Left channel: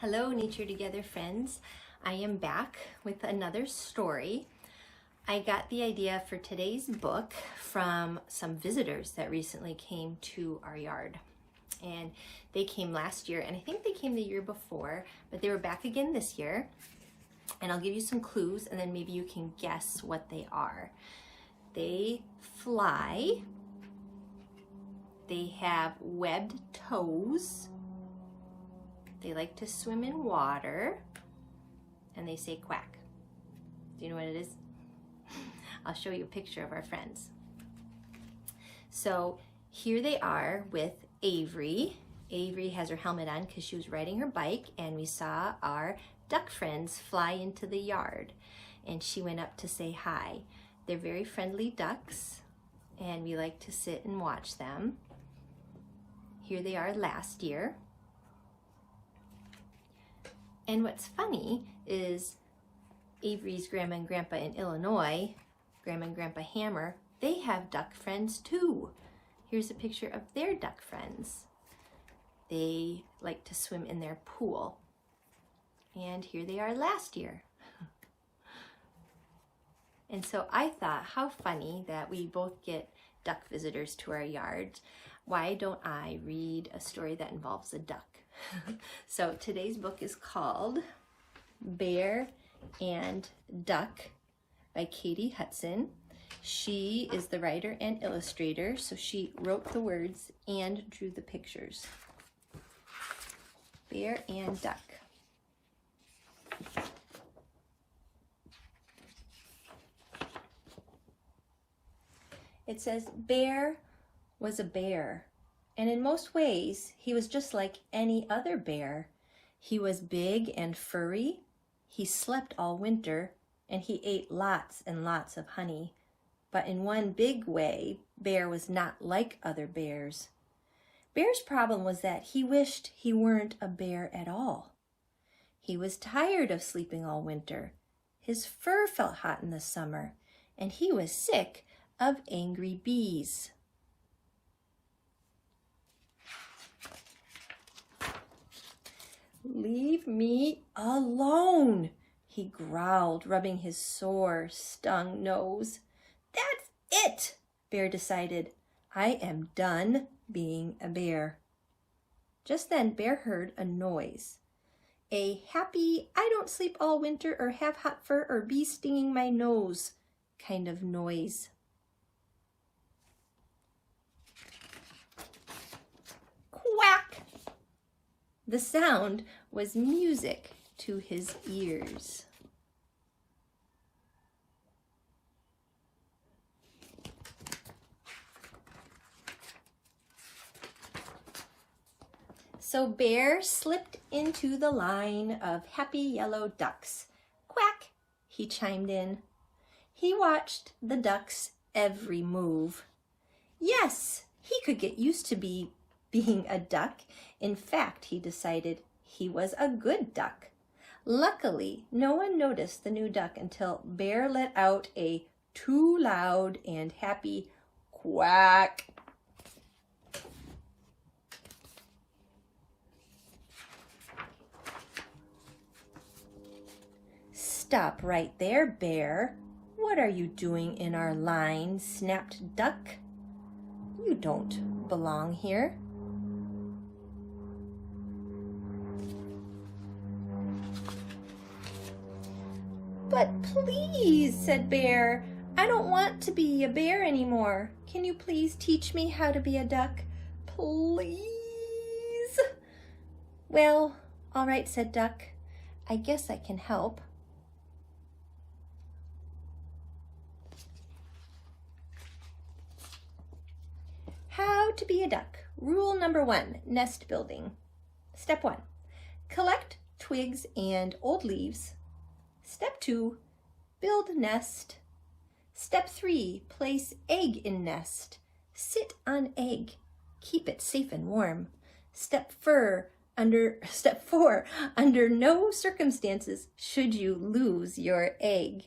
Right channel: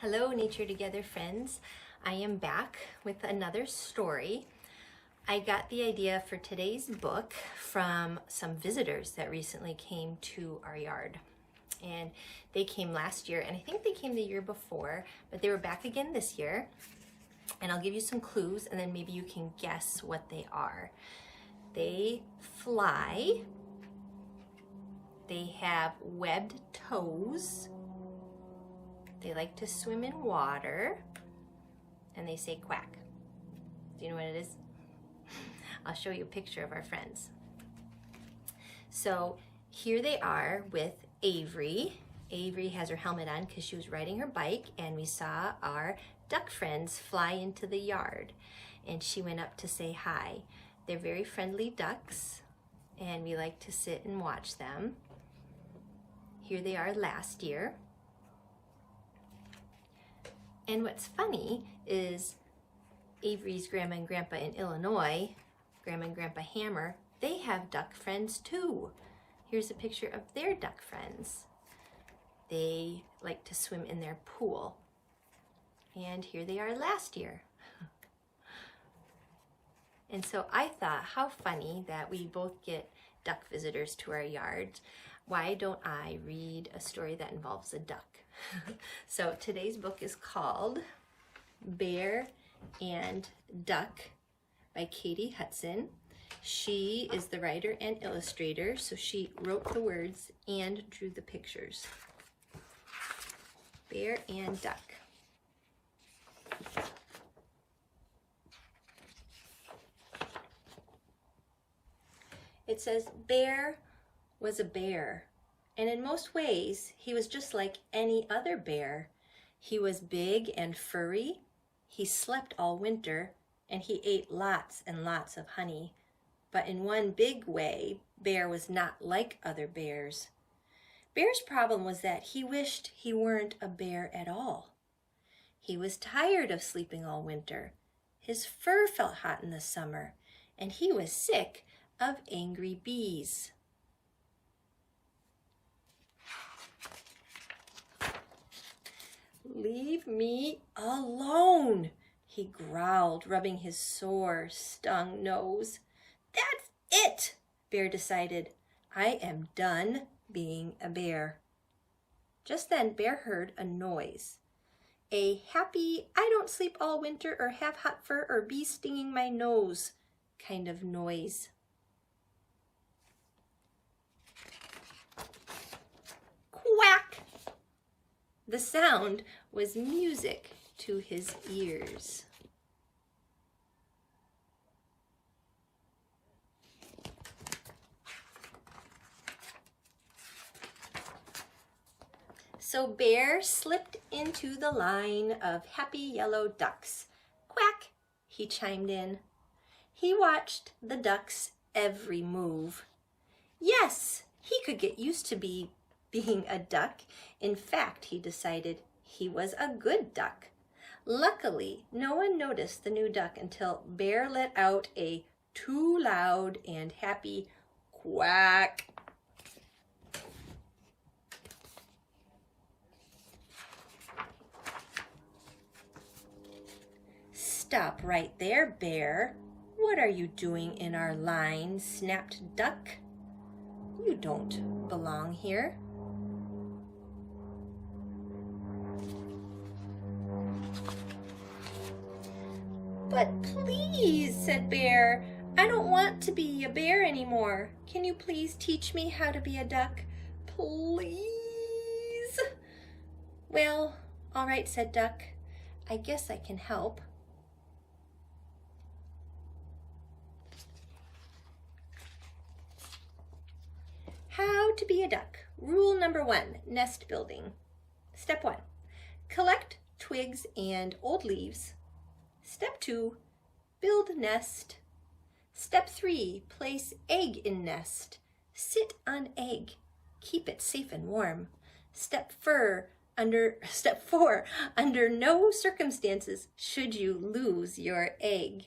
Hello, Nature Together friends. I am back with another story. I got the idea for today's book from some visitors that recently came to our yard. And they came last year, and I think they came the year before, but they were back again this year. And I'll give you some clues, and then maybe you can guess what they are. They fly. They have webbed toes. They like to swim in water, and they say quack. Do you know what it is? I'll show you a picture of our friends. So here they are with Avery. Avery has her helmet on because she was riding her bike, and we saw our duck friends fly into the yard, and she went up to say hi. They're very friendly ducks, and we like to sit and watch them. Here they are last year. And what's funny is Avery's grandma and grandpa in Illinois, Grandma and Grandpa Hammer, they have duck friends too. Here's a picture of their duck friends. They like to swim in their pool. And here they are last year. And so I thought, how funny that we both get duck visitors to our yard. Why don't I read a story that involves a duck? So today's book is called Bear and Duck by Katy Hudson. She is the writer and illustrator, so she wrote the words and drew the pictures. Bear and Duck. It says, Bear was a bear, and in most ways, he was just like any other bear. He was big and furry, he slept all winter, and he ate lots and lots of honey. But in one big way, Bear was not like other bears. Bear's problem was that he wished he weren't a bear at all. He was tired of sleeping all winter. His fur felt hot in the summer, and he was sick of angry bees. Leave me alone, he growled, rubbing his sore, stung nose. That's it, Bear decided. I am done being a bear. Just then, Bear heard a noise. A happy, I don't sleep all winter or have hot fur or bees stinging my nose kind of noise. Quack! The sound was music to his ears. So Bear slipped into the line of happy yellow ducks. Quack, he chimed in. He watched the ducks' every move. Yes, he could get used to being a duck. In fact, he decided he was a good duck. Luckily, no one noticed the new duck until Bear let out a too loud and happy quack. Stop right there, Bear. What are you doing in our line? Snapped Duck. You don't belong here. But please, said Bear, I don't want to be a bear anymore. Can you please teach me how to be a duck? Please? Well, all right, said Duck. I guess I can help. How to be a duck. Rule number 1, nest building. Step 1, collect twigs and old leaves. Step 2, build nest. Step 3, place egg in nest. Sit on egg. Keep it safe and warm. Step 4, under no circumstances should you lose your egg.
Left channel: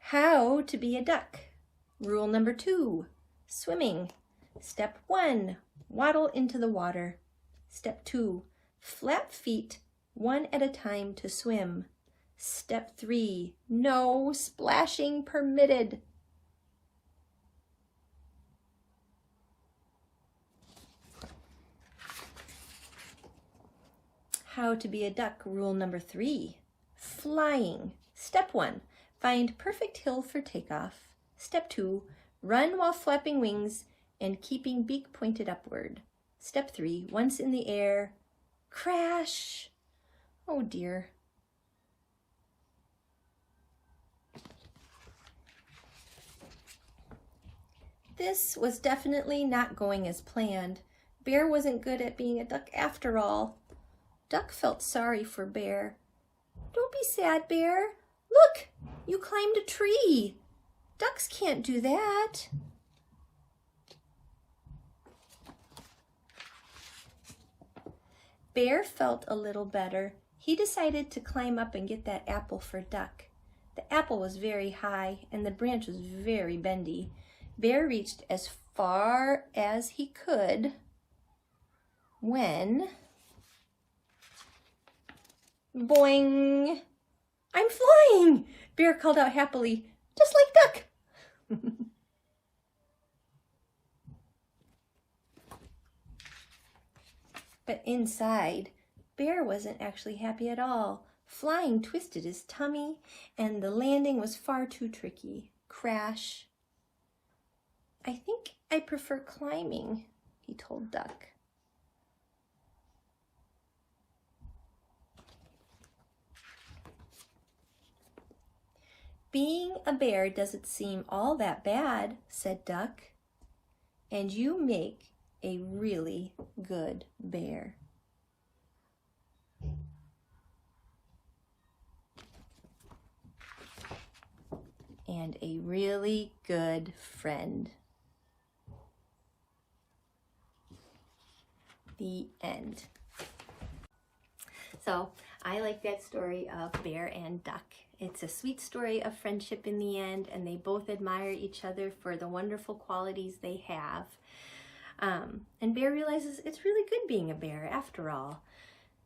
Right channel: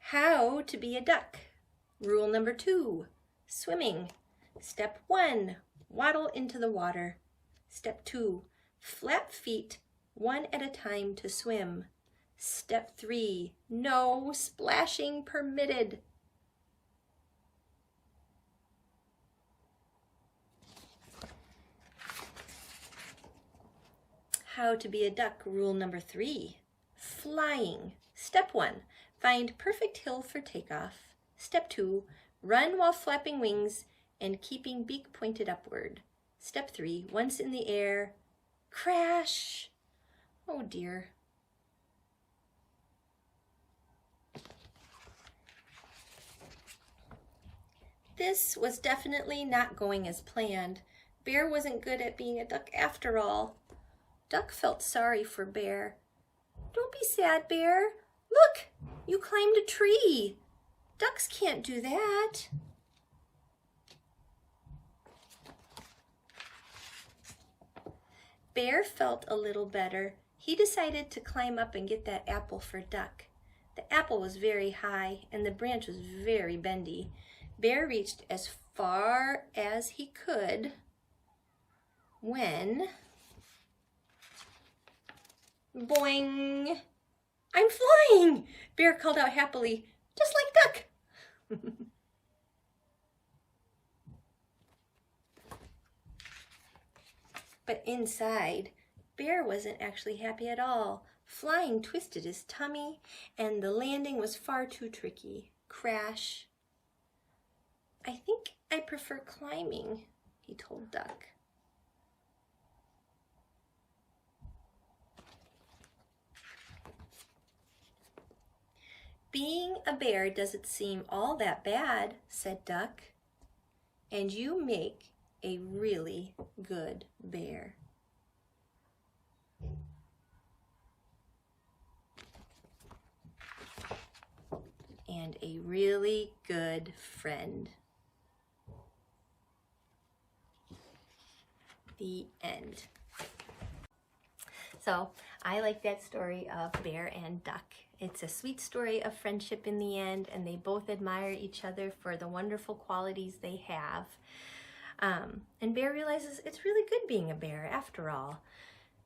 How to be a duck. Rule number 2, swimming. Step 1, waddle into the water. Step 2, flap feet one at a time to swim. Step 3, no splashing permitted. How to be a duck, rule number 3. Flying. Step 1, find perfect hill for takeoff. Step 2, run while flapping wings and keeping beak pointed upward. Step 3, once in the air, crash. Oh dear. This was definitely not going as planned. Bear wasn't good at being a duck after all. Duck felt sorry for Bear. Don't be sad, Bear. Look, you climbed a tree. Ducks can't do that. Bear felt a little better. He decided to climb up and get that apple for Duck. The apple was very high and the branch was very bendy. Bear reached as far as he could when, boing! I'm flying! Bear called out happily, just like Duck. But inside, Bear wasn't actually happy at all. Flying twisted his tummy, and the landing was far too tricky. Crash. I think I prefer climbing, he told Duck. Being a bear doesn't seem all that bad, said Duck. And you make a really good bear. And a really good friend. The end. So I like that story of Bear and Duck. It's a sweet story of friendship in the end, and they both admire each other for the wonderful qualities they have. And Bear realizes it's really good being a bear after all.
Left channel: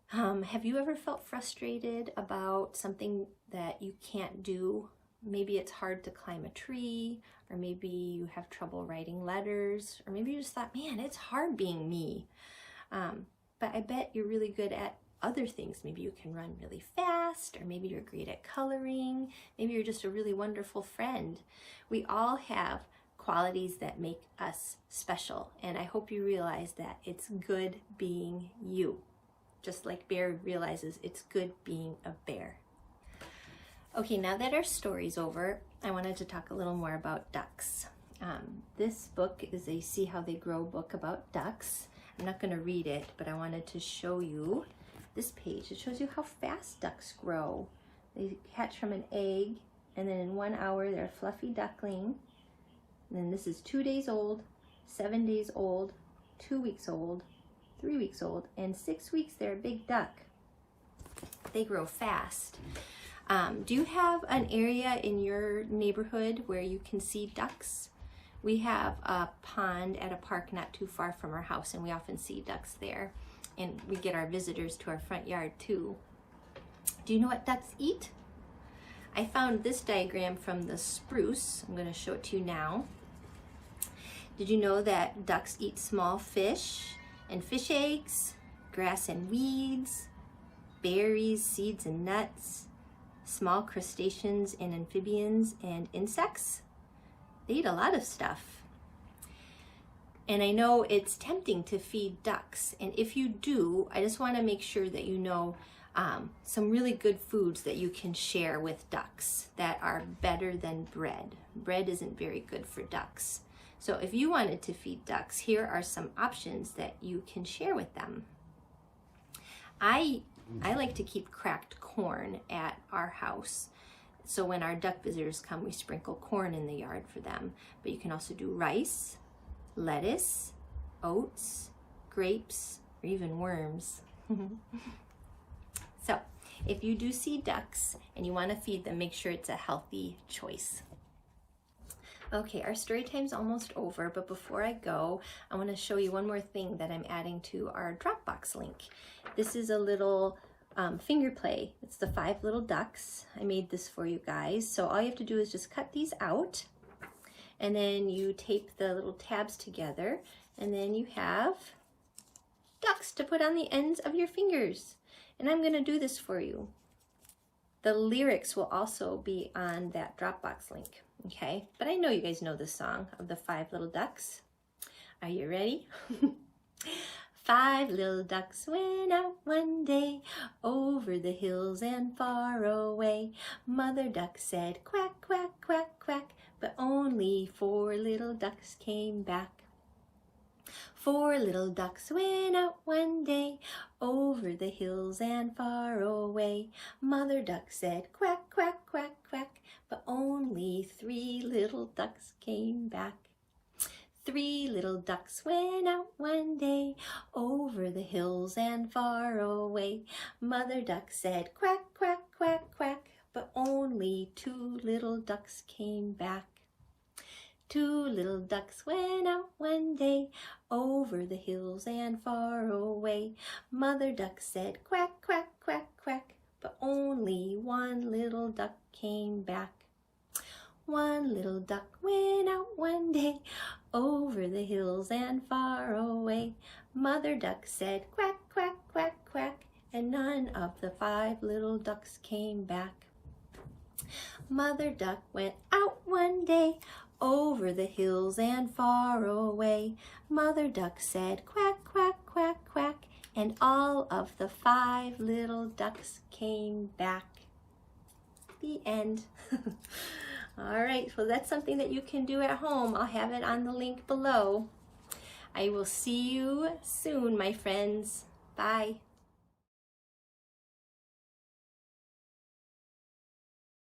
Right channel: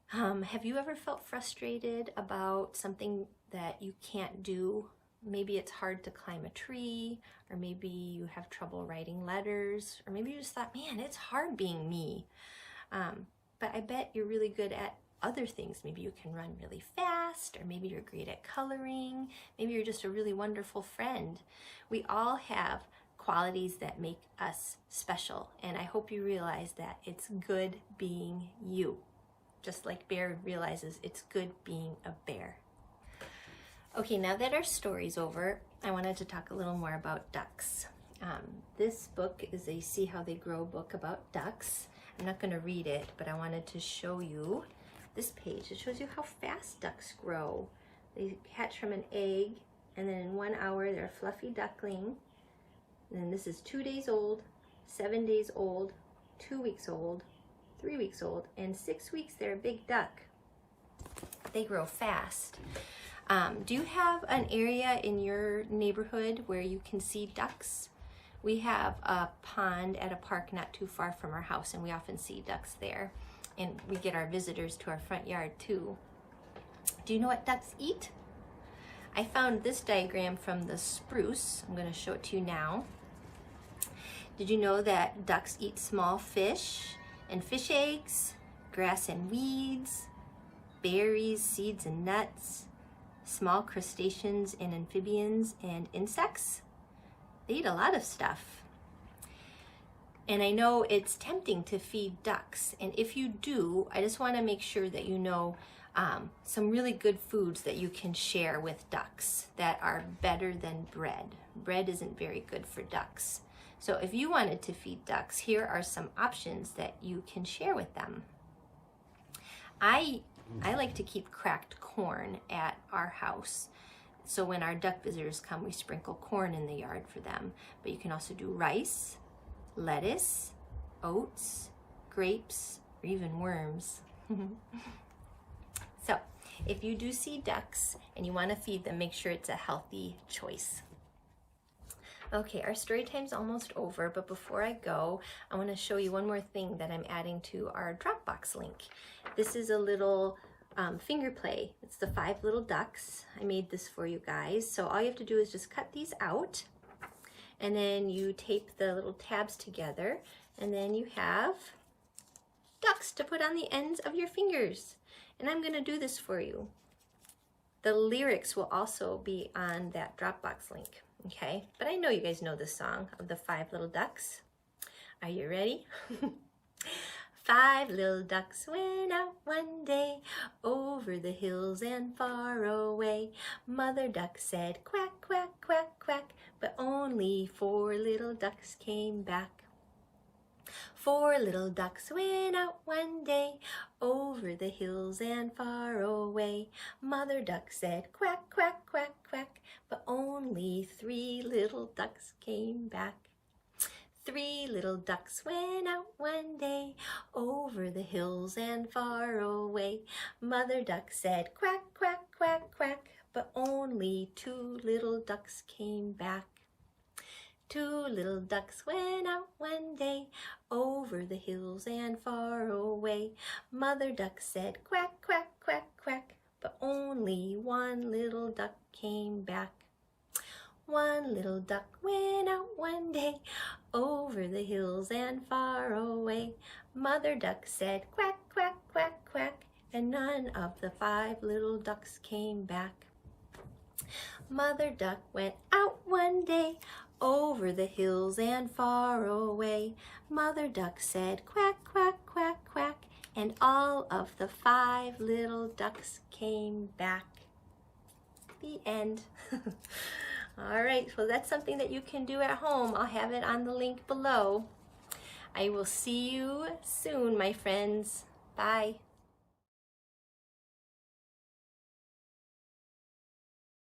Have you ever felt frustrated about something that you can't do? Maybe it's hard to climb a tree, or maybe you have trouble writing letters, or maybe you just thought, man, it's hard being me. But I bet you're really good at other things. Maybe you can run really fast, or maybe you're great at coloring. Maybe you're just a really wonderful friend. We all have qualities that make us special, and I hope you realize that it's good being you, just like Bear realizes it's good being a bear. Okay, now that our story's over, I wanted to talk a little more about ducks. This book is a See How They Grow book about ducks. I'm not going to read it, but I wanted to show you this page. It shows you how fast ducks grow. They hatch from an egg, and then in 1 hour they're a fluffy duckling. And then this is 2 days old, 7 days old, 2 weeks old, 3 weeks old, and 6 weeks they're a big duck. They grow fast. Do you have an area in your neighborhood where you can see ducks? We have a pond at a park not too far from our house, and we often see ducks there. And we get our visitors to our front yard too. Do you know what ducks eat? I found this diagram from the Spruce. I'm going to show it to you now. Did you know that ducks eat small fish and fish eggs, grass and weeds, berries, seeds and nuts, small crustaceans and amphibians and insects? They eat a lot of stuff. And I know it's tempting to feed ducks. And if you do, I just want to make sure that you know some really good foods that you can share with ducks that are better than bread. Bread isn't very good for ducks. So if you wanted to feed ducks, here are some options that you can share with them. I like to keep cracked corn at our house. So when our duck visitors come, we sprinkle corn in the yard for them. But you can also do rice, lettuce, oats, grapes, or even worms. So if you do see ducks and you want to feed them, make sure it's a healthy choice. Okay, our story time's almost over, but before I go, I want to show you one more thing that I'm adding to our Dropbox link. This is a little finger play. It's the 5 little ducks. I made this for you guys. So all you have to do is just cut these out, and then you tape the little tabs together, and then you have ducks to put on the ends of your fingers. And I'm going to do this for you. The lyrics will also be on that Dropbox link. Okay, but I know you guys know the song of the 5 little ducks. Are you ready? 5 little ducks went out one day over the hills and far away. Mother duck said quack, quack, quack, quack, but only 4 little ducks came back. 4 little ducks went out one day over the hills and far away. Mother duck said quack, quack, quack, quack, but only 3 little ducks came back. 3 little ducks went out one day over the hills and far away. Mother duck said quack, quack, quack, quack, but only 2 little ducks came back. 2 little ducks went out one day over the hills and far away. Mother duck said quack, quack, quack, quack, but only 1 little duck came back. 1 little duck went out one day over the hills and far away. Mother duck said quack, quack, quack, quack, and none of the 5 little ducks came back. Mother duck went out one day over the hills and far away. Mother duck said quack, quack, quack, quack, and all of the 5 little ducks came back. The end. All right, so that's something that you can do at home. I'll have it on the link below. I will see you soon, my friends. Bye.